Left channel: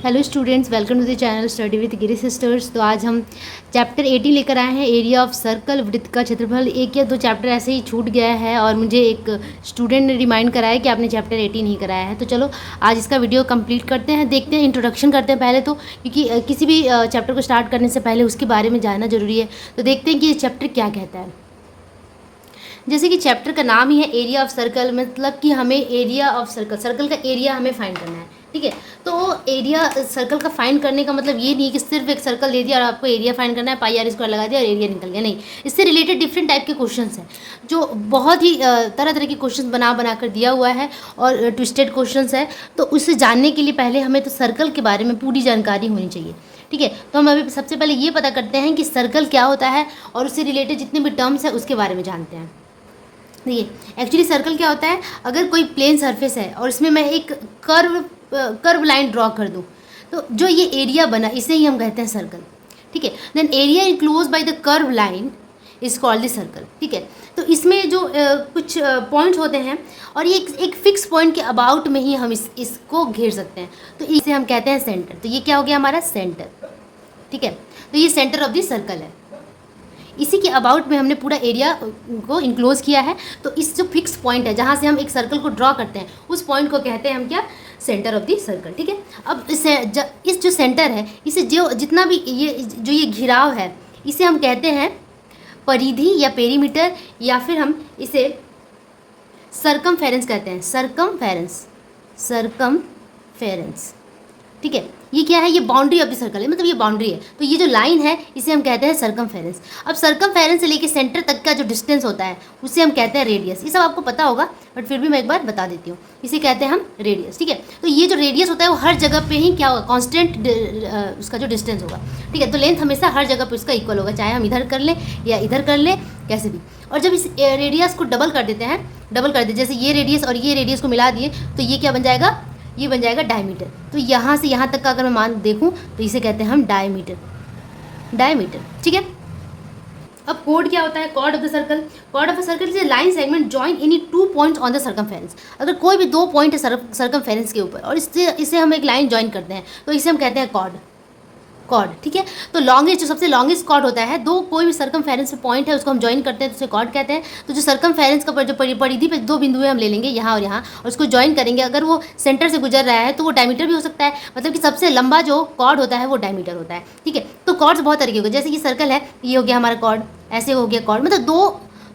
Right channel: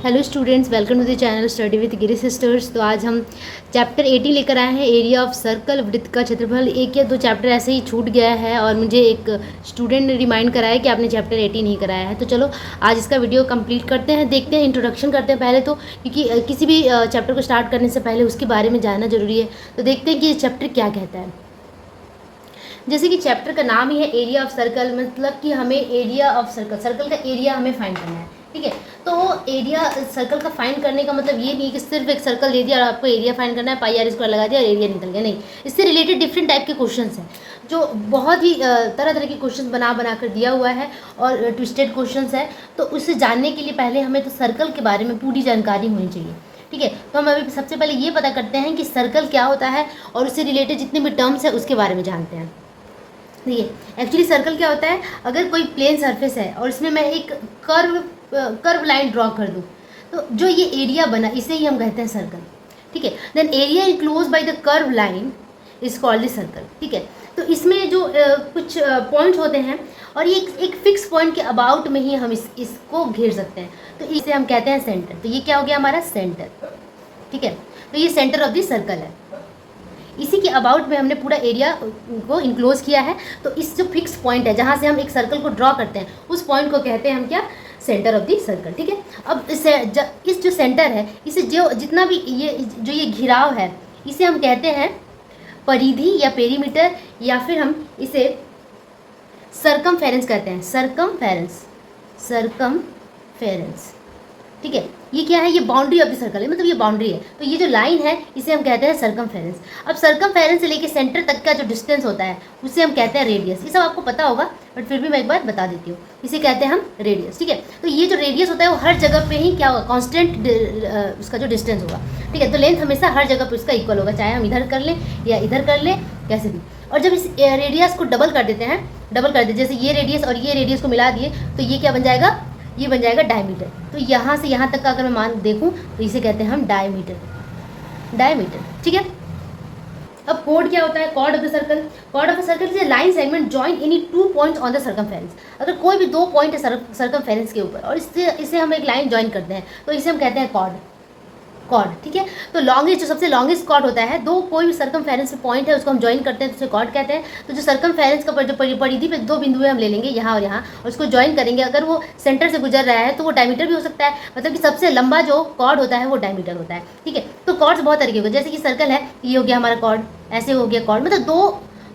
Hello students, welcome to the channel study with Giri sisters. तो आज हम चैप्टर 18 लेकर आए हैं, एरिया ऑफ सर्कल, वृत्त का क्षेत्रफल। एक या दो चैप्टर ऐसे ही छूट गया है और मुझे एक स्टूडेंट ने रिमाइंड कराया कि आपने चैप्टर 18 ही कराया है। तो चलो आज इसका वीडियो कंप्लीट करते हैं, देखते हैं, इंट्रोडक्शन करते हैं पहले तो, क्योंकि किसी भी चैप्टर को स्टार्ट करने से पहले उसके बारे में जानना जरूरी है। तो देखते हैं कि ये चैप्टर क्या कहता है। जैसे कि चैप्टर का नाम ही है एरिया ऑफ सर्कल, मतलब कि हमें एरिया ऑफ सर्कल, सर्कल का एरिया हमें फाइंड करना है। ठीक है, तो एरिया सर्कल का फाइंड करने का मतलब ये नहीं कि सिर्फ एक सर्कल दे दिया और आपको एरिया फाइंड करना है, पाई आर स्क्वायर लगा दिया और एरिया निकल गया। नहीं, इससे रिलेटेड डिफरेंट टाइप के क्वेश्चंस हैं जो बहुत ही तरह तरह के क्वेश्चन बना कर दिया हुआ है और ट्विस्टेड क्वेश्चंस है। तो उसे जानने के लिए पहले हमें तो सर्कल के बारे में पूरी जानकारी होनी चाहिए। ठीक है, तो हम अभी सबसे पहले ये पता करते हैं कि सर्कल क्या होता है और उससे रिलेटेड जितने भी टर्म्स है उसके बारे में जानते हैं। देखिए, एक्चुअली सर्कल क्या होता है, अगर कोई प्लेन सरफेस है और इसमें मैं एक कर्व लाइन ड्रॉ कर दूँ तो जो ये एरिया बना इसे ही हम कहते हैं सर्कल। ठीक है, then area enclose by the curve line is called the circle. ठीक है, तो इसमें जो कुछ पॉइंट होते हैं और ये एक फिक्स पॉइंट के अबाउट में ही हम इसको घेर सकते हैं, तो इसे हम कहते हैं सेंटर। तो ये क्या हो गया हमारा सेंटर। ठीक है, तो ये सेंटर ऑफ द सर्कल है, इसी के अबाउट में हमने पूरा एरिया को इनक्लोज किया है। तो इस जो फिक्स पॉइंट है जहाँ से हम एक सर्कल को ड्रॉ करते हैं उस पॉइंट को कहते हैं हम क्या, सेंटर ऑफ द सर्कल। ठीक है, अब इस जो सेंटर है इसे जो जितना भी ये घिराव है इसे हम कहते हैं परिधि या पेरीमीटर, या फिर हम इसे सर्कमफेरेंस कहते हैं। सर्कमफेरेंस। ठीक है, ये क्या है, ये बाउंड्री ऑफ द सर्कल है, मतलब ये बाउंड्री है। तो ये जो लाइन है इसे हम कहते हैं सर्कमफेरेंस। अब सर्कमफेरेंस से लेके सेंटर तक का जो डिस्टेंस होता है उसे हम कहते हैं रेडियस। ये सब आपको पता होगा बट फिर भी मैं एक बार बता देती हूँ, इसे कहते हैं हम रेडियस। ठीक है, तो ये जो रेडियस होता है वो हर जगह पे ही क्या होगा, कांस्टेंट उसका जो डिस्टेंस होगा। ठीक है, तो लेंथ हमेशा हर जगह पे उसका इक्वल होगा, चाहे हम इधर कर लें या इधर कर लें, कैसे भी। और जब इस रेडियस को डबल कर देते हैं, जैसे ये रेडियस और ये रेडियस को मिला दिए तो ये क्या बन जाएगा, ये बन जाएगा डायमीटर। तो यहाँ से यहाँ तक का अगर मैं मान देखूँ तो इसे कहते हैं हम डायमीटर। ठीक है, अब कोड क्या होता है, chord of the circle. Chord of the circle is line segment join any 2 points on the circumference. अगर कोई भी 2 पॉइंट है सर्कमफेरेंस के ऊपर और इसे हम एक लाइन जॉइन करते हैं तो इसे हम कहते हैं कॉर्ड। ठीक है, तो लॉन्गेस्ट, जो सबसे लॉन्गेस्ट कॉर्ड होता है, दो कोई भी सर्कमफेरेंस पे पॉइंट है उसको हम ज्वाइन करते हैं तो उसे कॉर्ड कहते हैं। तो जो सर्कमफेरेंस का जो परिधि पे 2 बिंदु हम ले लेंगे यहाँ और यहाँ और उसको ज्वाइन करेंगे, अगर वो सेंटर से गुजर रहा है तो वो डायमीटर भी हो सकता है, मतलब कि सबसे लंबा जो कॉर्ड होता है वो डायमीटर होता है। ठीक है, तो कॉर्ड्स बहुत तरीके के, जैसे कि सर्कल है, ये हो गया हमारा कॉर्ड, ऐसे हो गया कॉर्ड, मतलब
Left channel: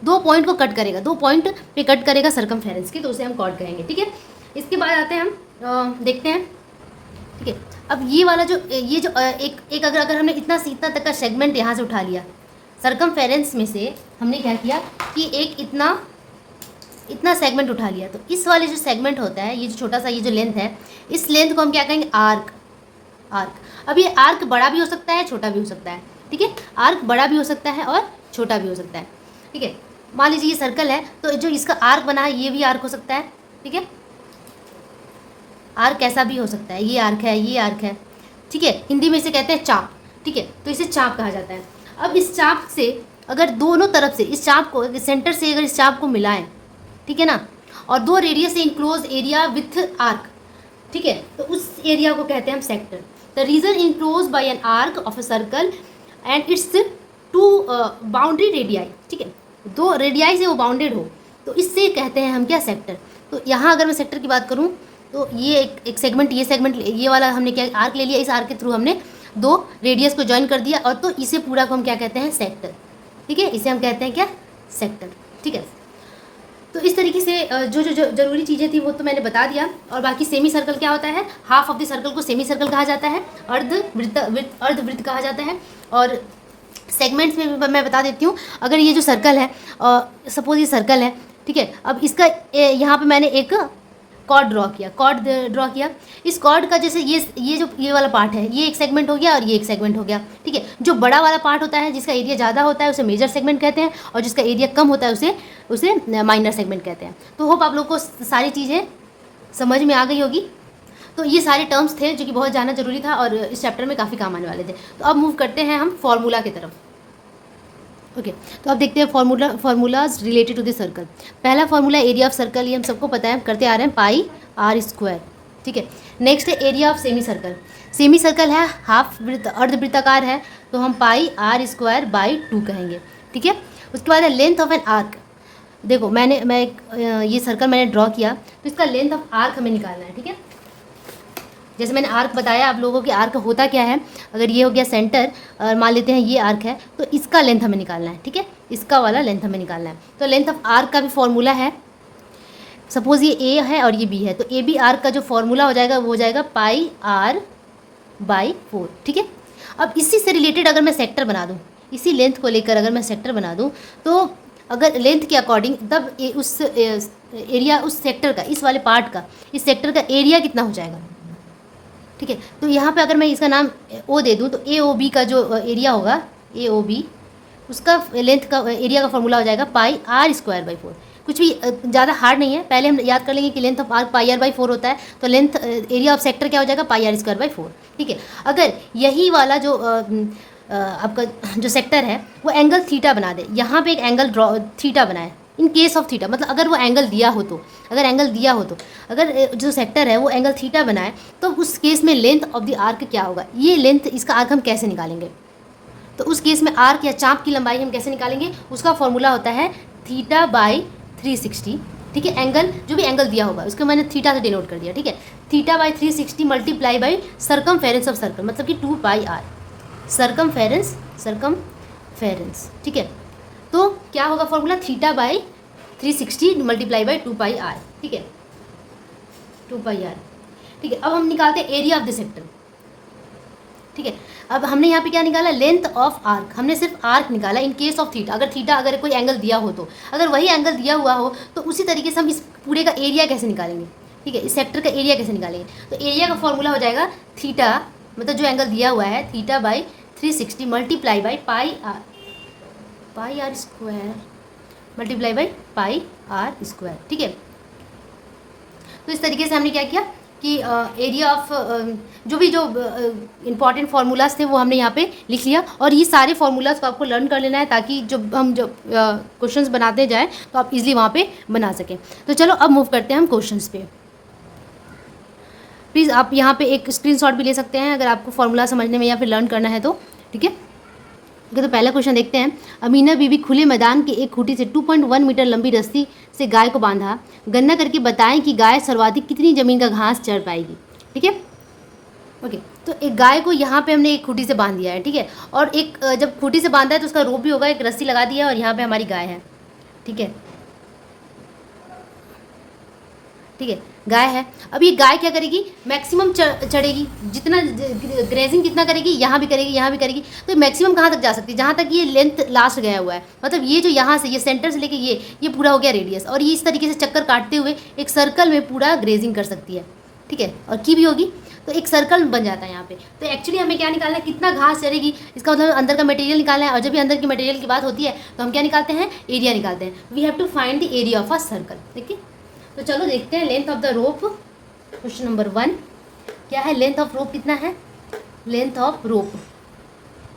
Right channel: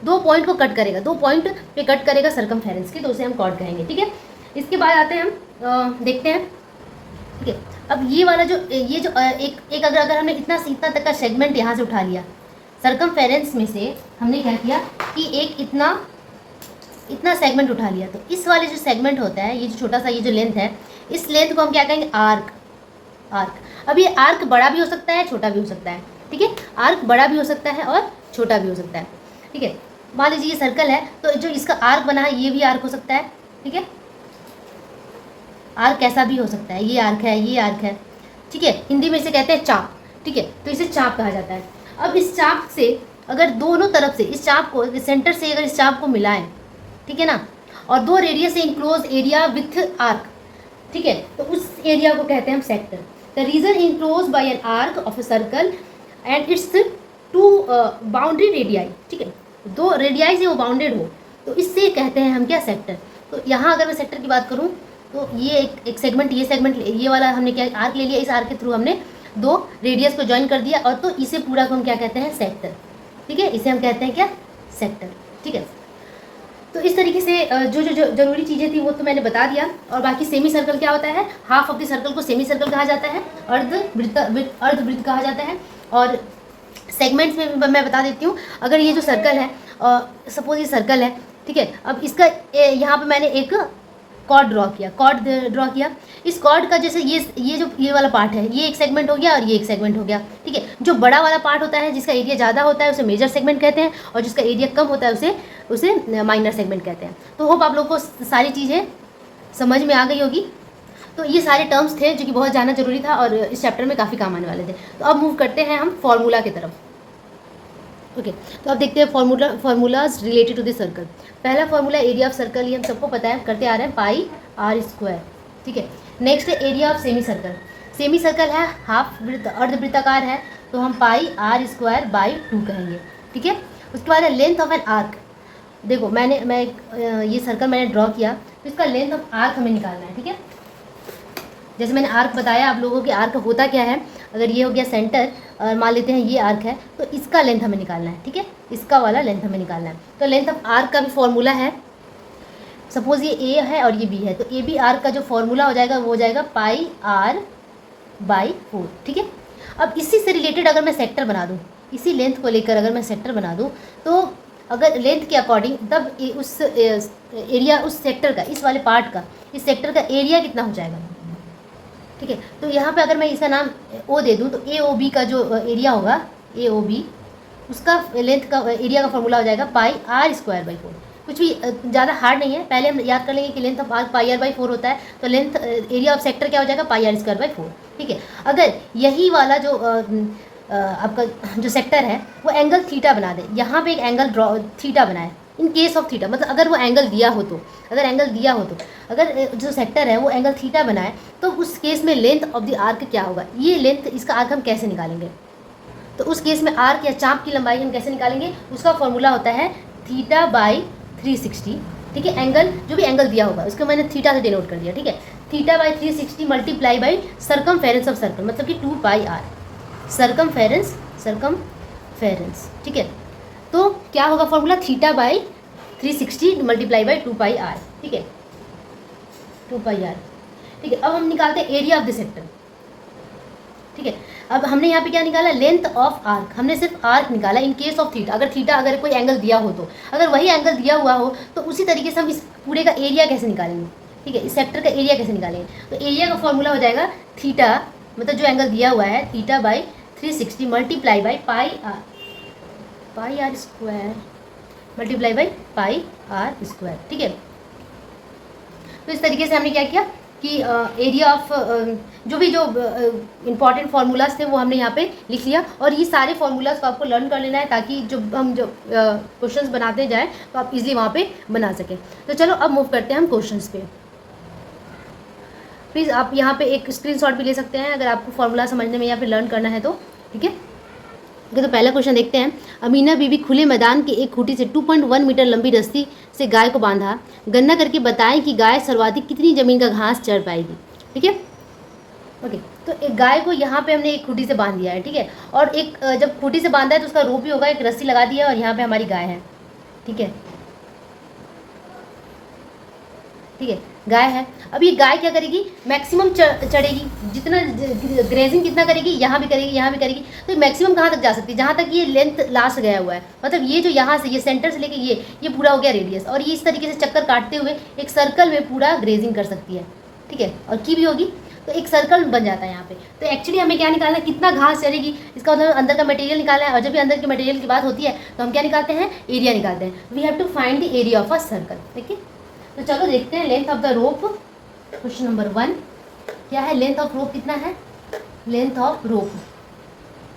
दो पॉइंट को कट करेगा, 2 पॉइंट पे कट करेगा सर्कमफेरेंस के, तो उसे हम कॉर्ड कहेंगे। ठीक है, इसके बाद आते हैं हम देखते हैं। ठीक है, अब ये वाला जो एक अगर हमने इतना से इतना तक का सेगमेंट यहाँ से उठा लिया सर्कमफेरेंस में से, हमने क्या किया कि एक इतना सेगमेंट उठा लिया, तो इस वाले जो सेगमेंट होता है, ये जो छोटा सा ये जो लेंथ है, इस लेंथ को हम क्या कहेंगे, आर्क। अब ये आर्क बड़ा भी हो सकता है, छोटा भी हो सकता है। ठीक है, आर्क बड़ा भी हो सकता है और छोटा भी हो सकता है। ठीक है, मान लीजिए ये सर्कल है तो जो इसका आर्क बना है ये भी आर्क हो सकता है। ठीक है, आर्क ऐसा भी हो सकता है, ये आर्क है, ये आर्क है। ठीक है, हिंदी में इसे कहते हैं चाप। ठीक है, तो इसे चाप कहा जाता है। अब इस चाप से अगर दोनों तरफ से इस चाप को, सेंटर से अगर इस चाप को मिलाएं, ठीक है ना, और 2 रेडियस से इंक्लोज एरिया विथ आर्क, ठीक है, तो उस एरिया को कहते हैं हम sector. The region enclose by an arc of a circle and its 2 boundary radii. ठीक है, 2 रेडियाई से वो बाउंडेड हो तो इससे कहते हैं हम क्या, सेक्टर। तो यहाँ अगर मैं सेक्टर की बात करूँ तो ये एक सेगमेंट, ये वाला हमने क्या आर्क ले लिया, इस आर्क के थ्रू हमने 2 रेडियस को ज्वाइन कर दिया और तो इसे पूरा को हम क्या कहते हैं, सेक्टर। ठीक है, इसे हम कहते हैं क्या, सेक्टर। ठीक है, तो इस तरीके से जो जरूरी चीज़ें थी वो तो मैंने बता दिया। और बाकी सेमी सर्कल क्या होता है, हाफ ऑफ द सर्कल को सेमी सर्कल कहा जाता है, अर्धवृत्त कहा जाता है। और सेगमेंट्स में मैं बता देती हूँ, अगर ये जो सर्कल है, सपोज ये सर्कल है, ठीक है, अब इसका यहाँ पे मैंने एक कॉर्ड ड्रॉ किया। इस कॉर्ड का जैसे ये वाला पार्ट है, ये एक सेगमेंट हो गया और ये एक सेगमेंट हो गया। ठीक है, जो बड़ा वाला पार्ट होता है जिसका एरिया ज़्यादा होता है उसे मेजर सेगमेंट कहते हैं, और जिसका एरिया कम होता है उसे माइनर सेगमेंट कहते हैं। तो होप आप लोग को सारी चीज़ें समझ में आ गई होगी। तो ये सारे टर्म्स थे जो कि बहुत जानना जरूरी था और इस चैप्टर में काफ़ी काम आने वाले थे। तो अब मूव करते हैं हम फॉर्मूला की तरफ। ओके, तो अब देखते हैं formulas related to the circle. पहला फार्मूला एरिया ऑफ सर्कल, ये हम सबको पता है, करते आ रहे हैं, पाई आर स्क्वायर। ठीक है। नेक्स्ट है area of semi circle. Semi circle है हाफ वृत्त, अर्धवृत्ताकार है, तो हम पाई आर स्क्वायर बाई 2 कहेंगे, ठीक है। उसके बाद है लेंथ ऑफ एन आर्क। देखो ये सर्कल मैंने ड्रॉ किया, तो इसका लेंथ ऑफ आर्क हमें निकालना है, ठीक है। जैसे मैंने आर्क बताया आप लोगों के, आर्क होता क्या है, अगर ये हो गया सेंटर और मान लेते हैं ये आर्क है, तो इसका लेंथ हमें निकालना है, ठीक है, इसका वाला लेंथ हमें निकालना है। तो लेंथ ऑफ आर्क का भी फॉर्मूला है, सपोज ये ए है और ये बी है, तो ए बी आर्क का जो फॉर्मूला हो जाएगा वो हो जाएगा पाई आर बाई 4, ठीक है। अब इसी से रिलेटेड अगर मैं सेक्टर बना दूँ, इसी लेंथ को लेकर अगर मैं सेक्टर बना दूँ, तो अगर लेंथ के अकॉर्डिंग तब उस एरिया, उस सेक्टर का, इस वाले पार्ट का, इस सेक्टर का एरिया कितना हो जाएगा, ठीक है। तो यहाँ पे अगर मैं इसका नाम ओ दे दूँ, तो ए ओ बी का जो एरिया होगा, ए ओ बी, उसका लेंथ का एरिया का फॉर्मूला हो जाएगा पाई आर स्क्वायर बाई 4। कुछ भी ज़्यादा हार्ड नहीं है, पहले हम याद कर लेंगे कि length of arc pi r by 4 होता है, तो लेंथ एरिया ऑफ सेक्टर क्या हो जाएगा, पाई आर स्क्वायर बाई 4, ठीक है। अगर यही वाला जो आपका जो सेक्टर है वो एंगल थीटा बना दे, यहाँ पे एक एंगल थीटा बनाए, इन केस ऑफ थीटा, मतलब अगर वो एंगल दिया हो तो, अगर जो सेक्टर है वो एंगल थीटा बनाए, तो उस केस में लेंथ ऑफ द आर्क क्या होगा, ये लेंथ, इसका आर्क हम कैसे निकालेंगे, तो उस केस में आर्क या चाप की लंबाई हम कैसे निकालेंगे, उसका फॉर्मूला होता है थीटा बाई 360, ठीक है। एंगल, जो भी एंगल दिया होगा उसको मैंने थीटा से डिनोट कर दिया, ठीक है। Theta by 360 multiply by circumference of circle, मतलब कि 2 पाई आर, सर्कमफेरेंस, ठीक है। तो क्या होगा formula, theta by 360 multiply by 2 pi r, ठीक है, 2 पाई आर, ठीक है। अब हम निकालते हैं एरिया ऑफ द सेक्टर, ठीक है। अब हमने यहाँ पे क्या निकाला, लेंथ ऑफ आर्क, हमने सिर्फ आर्क निकाला इन केस ऑफ थीटा, अगर कोई एंगल दिया हो, तो अगर वही एंगल दिया हुआ हो तो उसी तरीके से हम इस पूरे का एरिया कैसे निकालेंगे, ठीक है, इस सेक्टर का एरिया कैसे निकालेंगे, तो एरिया का फॉर्मूला हो जाएगा थीटा, मतलब जो एंगल दिया हुआ है, theta by 360 multiply by pi r square multiply by pi r square, ठीक है। तो इस तरीके से हमने क्या किया कि एरिया ऑफ जो इंपॉर्टेंट फार्मूलाज थे वो हमने यहाँ पे लिख लिया, और ये सारे फार्मूलाज को आपको लर्न कर लेना है, ताकि हम क्वेश्चंस बनाते जाएं तो आप इजीली वहाँ पे बना सकें। तो चलो अब मूव करते हैं हम क्वेश्चंस पे। प्लीज़ आप यहाँ पे एक स्क्रीनशॉट भी ले सकते हैं अगर आपको फार्मूला समझने में या फिर लर्न करना है तो, ठीक है। तो पहला क्वेश्चन देखते हैं। अमीना बीवी खुले मैदान के एक खूंटी से 2.1 मीटर लंबी रस्सी से गाय को बांधा, गणना करके बताएं कि गाय सर्वाधिक कितनी ज़मीन का घास चढ़ पाएगी, ठीक है। ओके, तो एक गाय को यहाँ पे हमने एक खूंटी से बांध दिया है, ठीक है, और एक जब खूंटी से बांधा है तो उसका रोप भी होगा, एक रस्सी लगा दिया है, और यहाँ पे हमारी गाय है, ठीक है, गाय है। अब ये गाय क्या करेगी, मैक्सिमम चढ़ेगी, जितना ग्रेजिंग कितना करेगी, यहाँ भी करेगी, तो मैक्सिमम कहाँ तक जा सकती है, जहाँ तक ये लेंथ लास्ट गया हुआ है, मतलब ये जो यहाँ से, ये सेंटर से लेके ये पूरा हो गया रेडियस, और ये इस तरीके से चक्कर काटते हुए एक सर्कल में पूरा ग्रेजिंग कर सकती है, ठीक है, और की भी होगी, तो एक सर्कल बन जाता है यहाँ पे। तो एक्चुअली हमें क्या निकालना है, कितना घास चलेगी, इसका मतलब अंदर का मटेरियल निकालना है, और जब भी अंदर के मटेरियल की बात होती है तो हम क्या निकालते हैं, एरिया निकालते हैं। We have to find the area of a circle, ठीक है। तो चलो देखते हैं length of the rope. Question number 1 क्या है, लेंथ ऑफ रोप कितना है, length of rope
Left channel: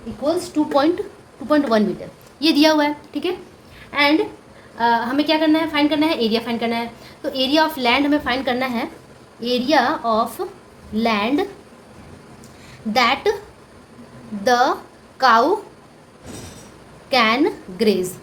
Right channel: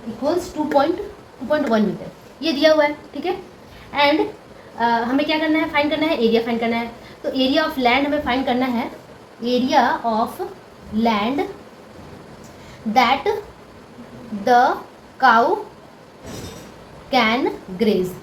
equals 2.1 metre, ये दिया हुआ है, ठीक है। एंड हमें क्या करना है, फाइंड करना है, एरिया फाइंड करना है। तो एरिया ऑफ लैंड हमें फाइंड करना है, area of land that the cow can graze,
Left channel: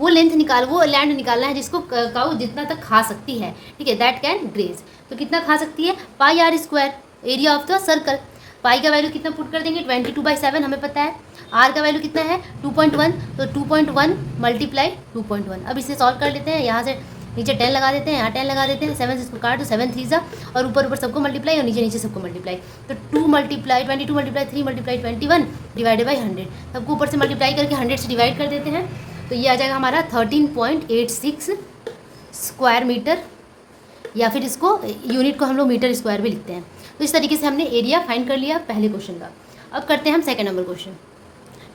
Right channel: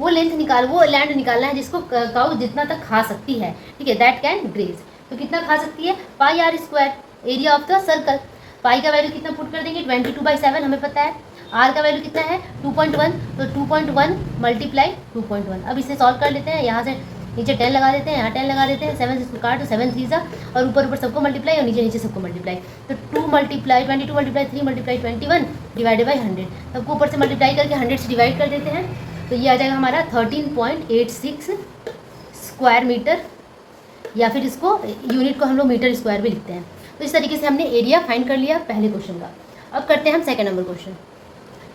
वो लैंड निकालना है जिसको काऊ जितना तक खा सकती है, ठीक है, दैट कैन ग्रेज। तो कितना खा सकती है, pi r square, area of the circle. Pi का वैल्यू कितना पुट कर देंगे, 22/7 हमें पता है। आर का वैल्यू कितना है 2.1, तो 2.1 मल्टीप्लाई 2.1। अब इसे सॉल्व कर लेते हैं, यहाँ से नीचे 10 लगा देते हैं, यहाँ 10 लगा देते हैं, 7 इसको काट, तो 7 3 और ऊपर सबको मल्टीप्लाई और नीचे सबको मल्टीप्लाई, तो 2 multiply 22 multiply 3 multiply 21 divided by 100, सबको ऊपर से मल्टीप्लाई करके 100 से डिवाइड कर देते हैं, तो ये आ जाएगा हमारा 13.86 स्क्वायर मीटर, या फिर इसको यूनिट को हम लोग मीटर स्क्वायर भी लिखते हैं। तो इस तरीके से हमने एरिया फाइंड कर लिया पहले क्वेश्चन का। अब करते हैं हम second number question.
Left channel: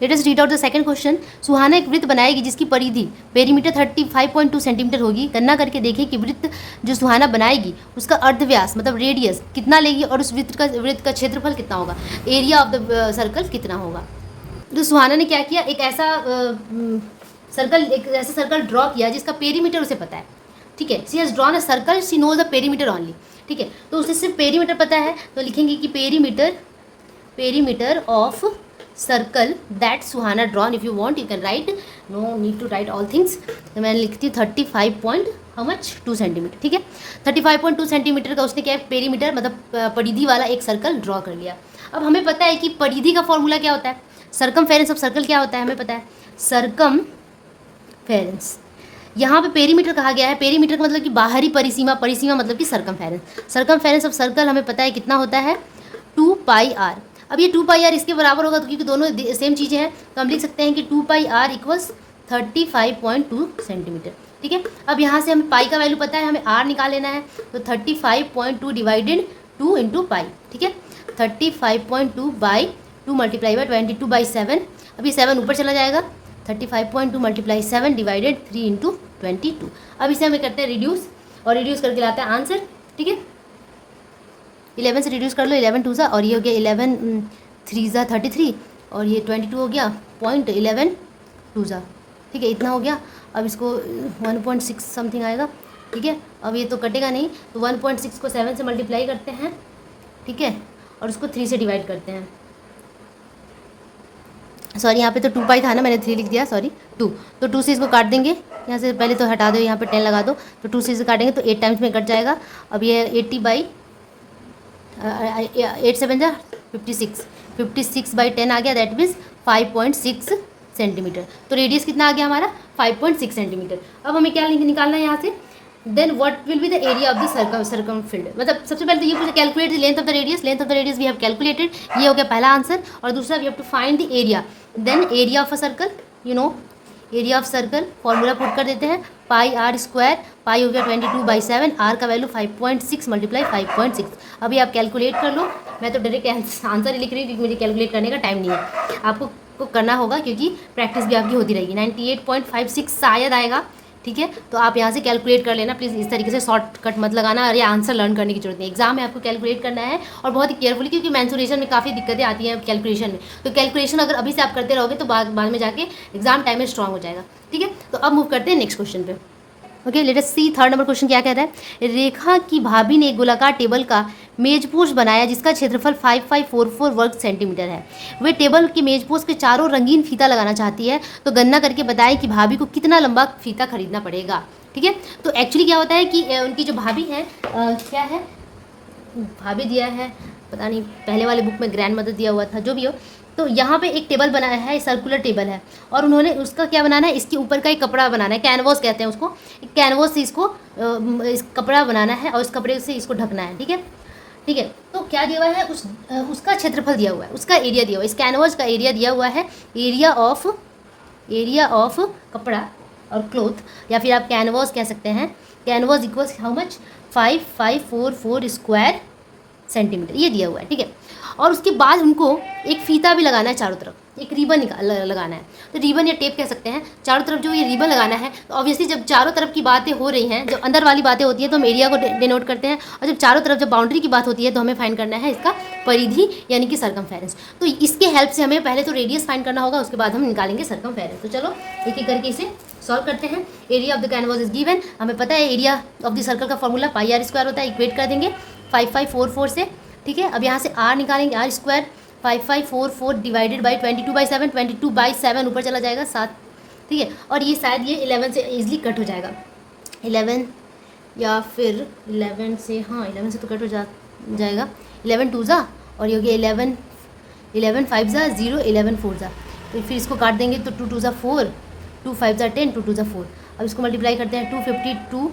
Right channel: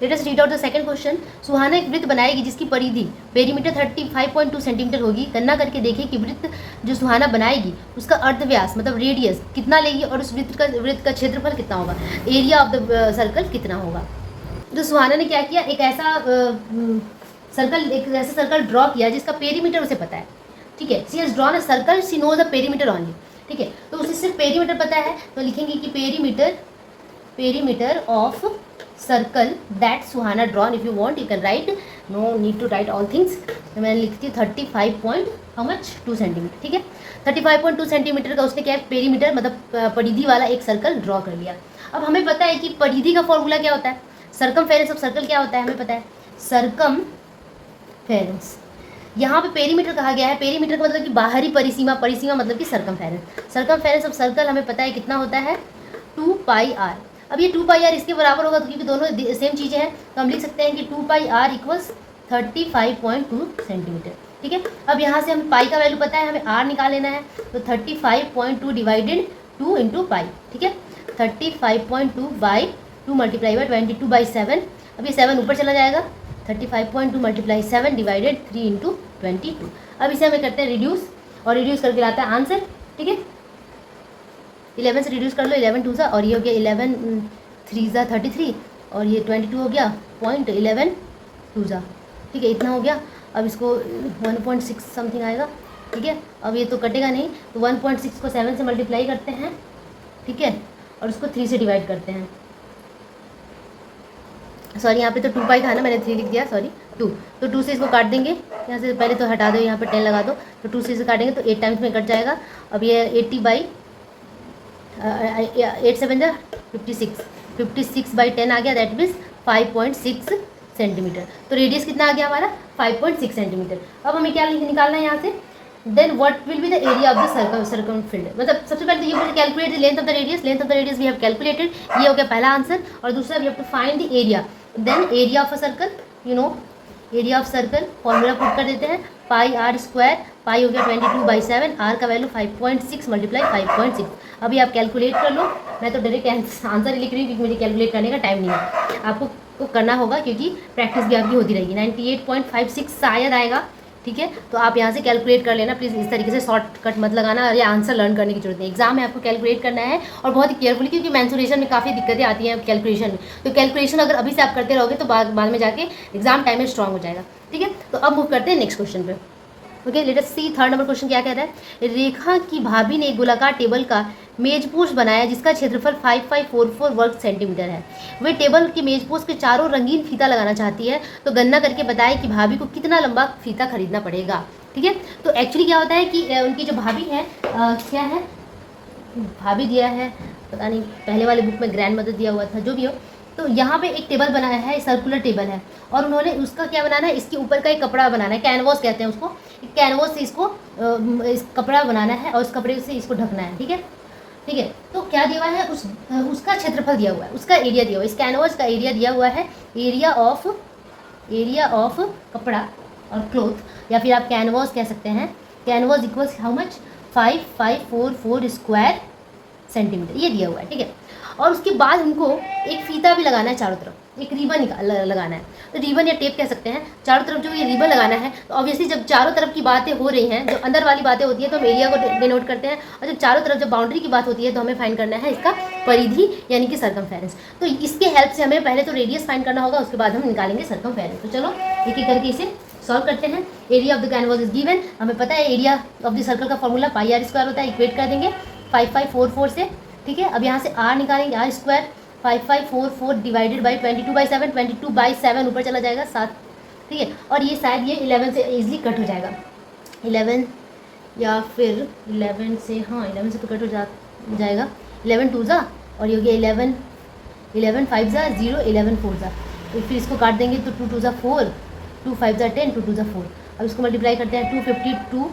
Let us read out the second question. Suhana एक वृत्त बनाएगी जिसकी परिधि पेरीमीटर 35.2 सेंटीमीटर होगी। गणना करके देखें कि वृत्त जो सुहाना बनाएगी उसका अर्धव्यास मतलब रेडियस कितना लेगी और उस वृत्त का क्षेत्रफल कितना होगा, एरिया ऑफ द सर्कल कितना होगा। तो सुहाना ने क्या किया, एक ऐसा सर्कल ड्रॉ किया जिसका पेरीमीटर उसे पता है, ठीक है। She has drawn a circle, she knows the perimeter only. ठीक है। तो उसे सिर्फ पेरीमीटर पता है तो लिखेंगे कि perimeter of circle that Suhana drawn. If you want you can write, no need to write all things. तो मैं लिखती हूँ 35.2 सेंटीमीटर, ठीक है। 35.2 सेंटीमीटर का उसने क्या है, पेरीमीटर मतलब परिधि वाला एक सर्कल ड्रॉ कर लिया। अब हमें पता है कि परिधि का फॉर्मूला क्या होता है, सर्कमफेरेंस ऑफ सर्कल क्या होता है हमें पता है, सर्कमफेरेंस। यहाँ पे पेरीमीटर कहा गया है, पेरीमीटर का मतलब कि बाहरी परिसीमा, परिसीमा मतलब कि सर्कमफेरेंस। सर्कमफेरेंस ऑफ सर्कल हमें पता है कितना होता है 2πr। अब ये 2πr इसके बराबर होगा तो क्योंकि दोनों सेम चीज़ें हैं तो हम लिख सकते हैं कि 2πr इक्वल्स 35.2 सेंटीमीटर, ठीक है। अब यहाँ से हमें पाई का वैल्यू पता है, हमें r निकाल लेना है तो 35.2 डिवाइडेड 2 इंटू पाई, ठीक है। 35.2 बाई 2 मल्टीप्लाई बाई 22/7। अब ये 7 ऊपर चला जाएगा, 35.2 मल्टीप्लाई 7 डिवाइडेड 3 इंटू 22। अब इसे हमें करते हैं रिड्यूस और रिड्यूस करके लाता है आंसर, ठीक है। 11 से रिड्यूस कर लो, 11 2 सा, और ये हो गया 11 3 सा 33 और ये 22 हो गया 0.11 2 सा, ठीक है। इतना हो गया। अब इसको 1.6 समथिंग आएगा, ठीक है। अब ये तो कटेगा नहीं तो 1.6 को 7 से मल्टीप्लाई करते हैं, ठीक है, और उसको 3 से डिवाइड करते हैं। सॉरी यहाँ पे तो 2 पाई था ना, मैंने 3 लिख दिया, सॉरी 2। तो 2 से इसको काट देंगे, यहाँ से पहले तो हटा दो, यहाँ पे 10 लगा दो, तो 2 से इसे काटेंगे तो 8 टाइम्स में कट जाएगा। अब ये 8 7 जा 56/10 आ गया, दैट मीन्स 5.6 सेंटीमीटर। तो रेडियस कितना आ गया हमारा 5.6 सेंटीमीटर। अब हमें क्या निकालना है यहाँ से, then what will be the area of the circumference. मतलब सबसे पहले तो ये calculate the length of the radius, length of the radius we have calculated, ये हो गया पहला आंसर। और दूसरा we have to find the area, then area of a circle, you know area of circle formula put कर देते हैं, पाई r square, पाई हो गया 22/7, आर का वैल्यू 5.6 मल्टीप्लाई 5.6। अभी आप कैलकुलेट कर लो, मैं तो डायरेक्ट आंसर लिख रही हूँ क्योंकि मुझे कैलकुलेट करने का टाइम नहीं है, आपको को करना होगा क्योंकि प्रैक्टिस भी आपकी होती रहेगी। 98.56 शायद आएगा, ठीक है। तो आप यहाँ से कैलकुलेट कर लेना प्लीज़, इस तरीके से शॉर्टकट मत लगाना और ये आंसर लर्न करने की जरूरत नहीं। एग्जाम में आपको कैलकुलेट करना है और बहुत ही केयरफुली, क्योंकि मेंसुरेशन में काफ़ी दिक्कतें आती हैं कैलकुलेशन में। तो कैलकुलेशन अगर अभी से आप करते रहोगे तो बाद में जाके एग्जाम टाइम में स्ट्रांग हो जाएगा, ठीक है। तो अब मूव करते हैं नेक्स्ट क्वेश्चन पे। ओके, लेट अस सी थर्ड नंबर क्वेश्चन क्या कहता है। रेखा की भाभी ने एक गोलाकार टेबल का मेजपोश बनाया जिसका क्षेत्रफल 5544 वर्ग सेंटीमीटर है। वे टेबल की मेजपोश के चारों रंगीन फीता लगाना चाहती है, तो गणना करके बताएं कि भाभी को कितना लंबा फीता खरीदना पड़ेगा, ठीक है। तो एक्चुअली क्या होता है कि उनकी जो भाभी है क्या है, भाभी दिया है पता नहीं, पहले वाले बुक में ग्रैंड मदर दिया हुआ था, जो भी हो। तो यहाँ पे एक टेबल बनाया है, सर्कुलर टेबल है, और उन्होंने उसका क्या बनाना है, इसके ऊपर का एक कपड़ा बनाना है, कैनवास कहते हैं उसको, कैनवास से इसको इस कपड़ा बनाना है और इस कपड़े से इसको ढकना है, ठीक है, ठीक है। तो क्या दिया हुआ है, उसका क्षेत्रफल दिया हुआ है, उसका एरिया दिया हुआ है, इस कैनवास का एरिया दिया हुआ है, एरिया ऑफ कपड़ा और क्लोथ, या फिर आप कैनवास कह सकते हैं। Canvas equals how much 5544 square centimetre, ये दिया हुआ है, ठीक है। और उसके बाद उनको एक फीता भी लगाना है चारों तरफ, एक रिबन लगाना है, तो रिबन या टेप कह सकते हैं, चारों तरफ जो ये रिबन लगाना है। तो ऑब्वियसली जब चारों तरफ की बातें हो रही हैं, जब अंदर वाली बातें होती है तो हम एरिया को डिनोट करते हैं, और जब चारों तरफ जब बाउंड्री की बात होती है तो हमें फाइंड करना है इसका परिधि यानी कि सर्कमफेरेंस। तो इसके हेल्प से हमें पहले तो रेडियस फाइंड करना होगा, उसके बाद हम निकालेंगे सर्कमफेरेंस। तो चलो एक एक करके इसे सॉल्व करते हैं। Area of the canvas is given, हमें पता है एरिया ऑफ द सर्कल का फॉर्मूला पाई आर स्क्वायर होता है, इक्वेट कर देंगे 5544 से, ठीक है। अब यहाँ से आर निकालेंगे, आर स्क्वायर 5544 डिवाइडेड बाई 22/7, 22/7 ऊपर चला जाएगा 7, ठीक है। और ये शायद ये 11 से ईजिली कट हो जाएगा, 11 या फिर 11 से, हाँ 11 से तो कट हो जाएगा, 11 2 जा, और ये हो गया 11 5 जा 0, 11 4 जा, तो फिर इसको काट देंगे तो 2 2 जा 4, 2 5 जा 10, 2 2 जा 4। अब इसको मल्टीप्लाई करते हैं 252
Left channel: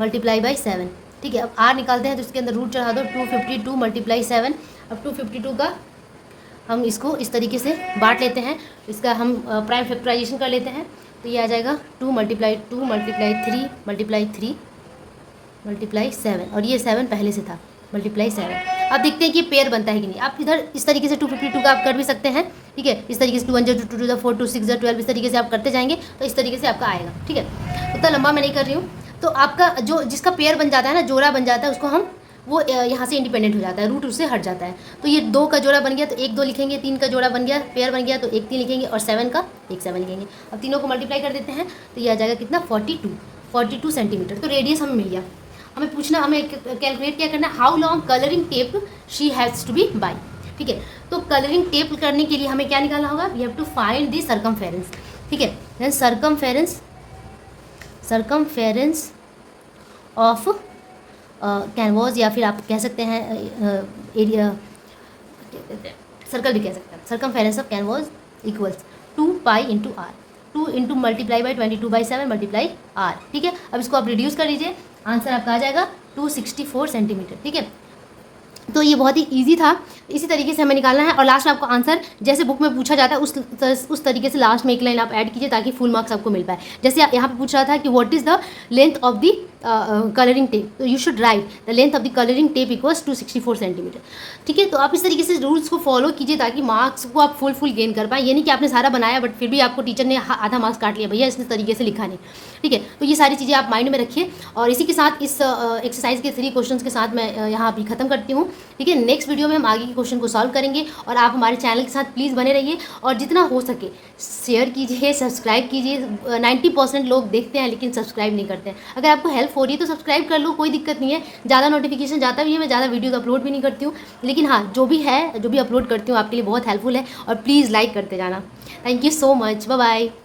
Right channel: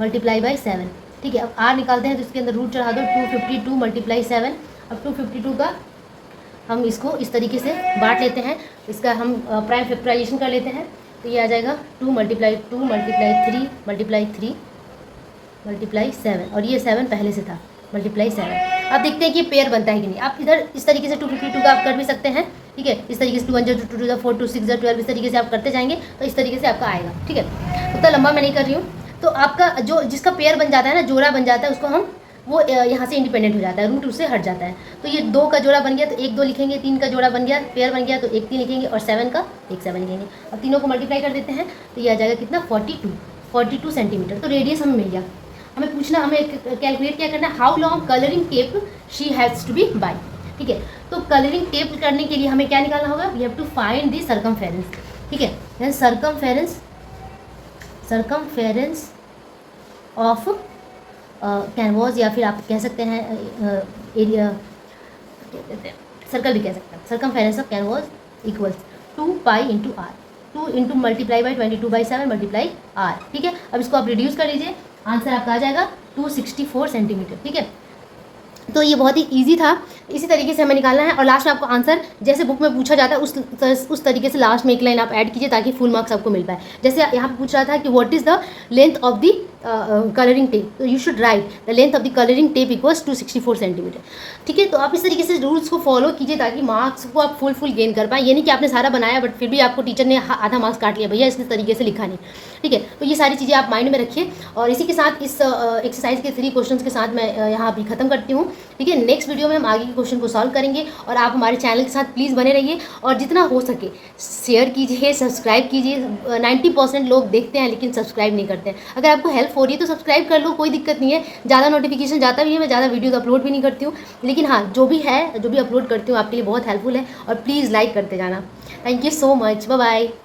मल्टीप्लाई बाई 7, ठीक है। अब आर निकालते हैं तो इसके अंदर रूट चढ़ा दो, 252 मल्टीप्लाई 7। अब 252 का हम इसको इस तरीके से बांट लेते हैं, इसका हम प्राइम फैक्टराइजेशन कर लेते हैं, तो ये आ जाएगा 2 मल्टीप्लाई 3 मल्टीप्लाई 3 मल्टीप्लाई 7, और ये 7 पहले से था, मल्टीप्लाई 7। अब देखते हैं कि पेयर बनता है कि नहीं। आप इधर इस तरीके से 252 का आप कर भी सकते हैं, ठीक है। इस तरीके से 2 1 2 2 2 4 2 6 12, इस तरीके से आप करते जाएंगे तो इस तरीके से आपका आएगा, ठीक है। उतना लंबा मैं नहीं कर रही हूँ। तो आपका जो जिसका पेयर बन जाता है ना, जोड़ा बन जाता है, उसको हम वो यहाँ से इंडिपेंडेंट हो जाता है, रूट उससे हट जाता है। तो ये 2 का जोड़ा बन गया तो 1 2 लिखेंगे, 3 का जोड़ा बन गया, पेयर बन गया तो 1 3 लिखेंगे, और 7 का 1 7 लिखेंगे। अब तीनों को मल्टीप्लाई कर देते हैं तो ये आ जाएगा कितना 42 सेंटीमीटर। तो रेडियस हमें मिल गया। हमें कैलकुलेट क्या करना है, how long colouring tape she has to buy बाई। ठीक है, तो कलरिंग टेप करने के लिए हमें क्या निकालना होगा, we have to find the circumference. ठीक है, देन सर्कमफेरेंस ऑफ कैनवास, या फिर आप कह सकते हैं एरिया, क्या कहते हैं, सर्कल भी कह सकते हैं। Circumference of canvas equals 2 pi into r, 2 into multiply by 22/7 multiply r. ठीक है, अब इसको आप रिड्यूस कर लीजिए, आंसर आपका आ जाएगा 264 सेंटीमीटर। ठीक है, तो ये बहुत ही इजी था, इसी तरीके से हमें निकालना है। और लास्ट में आपको आंसर जैसे बुक में पूछा जाता है उस तरीके से लास्ट में एक लाइन आप ऐड कीजिए ताकि फुल मार्क्स आपको मिल पाए। जैसे यहाँ पे पूछ रहा था कि what is the length of the colouring tape, तो you should write the length of the colouring tape equals 264 centimetre. ठीक है, तो आप इस तरीके से रूल्स को फॉलो कीजिए ताकि मार्क्स को आप फुल गेन कर पाए। ये नहीं कि आपने सारा बनाया बट फिर भी आपको टीचर ने आधा मार्क्स काट लिया, भैया इस तरीके से लिखा नहीं। ठीक है, तो ये सारी चीज़ें आप माइंड में रखिए। और इसी के साथ इस एक्सरसाइज के 3 क्वेश्चंस के साथ मैं यहाँ अभी ख़त्म करती हूँ। ठीक है, नेक्स्ट वीडियो में हम आगे के क्वेश्चन को सॉल्व करेंगे। और आप हमारे चैनल के साथ प्लीज़ बने रहिए और जितना हो सके शेयर कीजिए, सब्सक्राइब कीजिए। 90% लोग देखते हैं लेकिन सब्सक्राइब नहीं करते हैं। अगर आपको हेल्प हो रही है तो सब्सक्राइब कर लो, कोई दिक्कत नहीं है। ज़्यादा नोटिफिकेशन जाता भी है, मैं ज़्यादा वीडियोज़ अपलोड भी नहीं करती हूँ, लेकिन हाँ जो भी अपलोड करती हूँ आपके लिए बहुत हेल्पफुल है। और प्लीज़ लाइक करते जाना। Thank you so much, bye bye.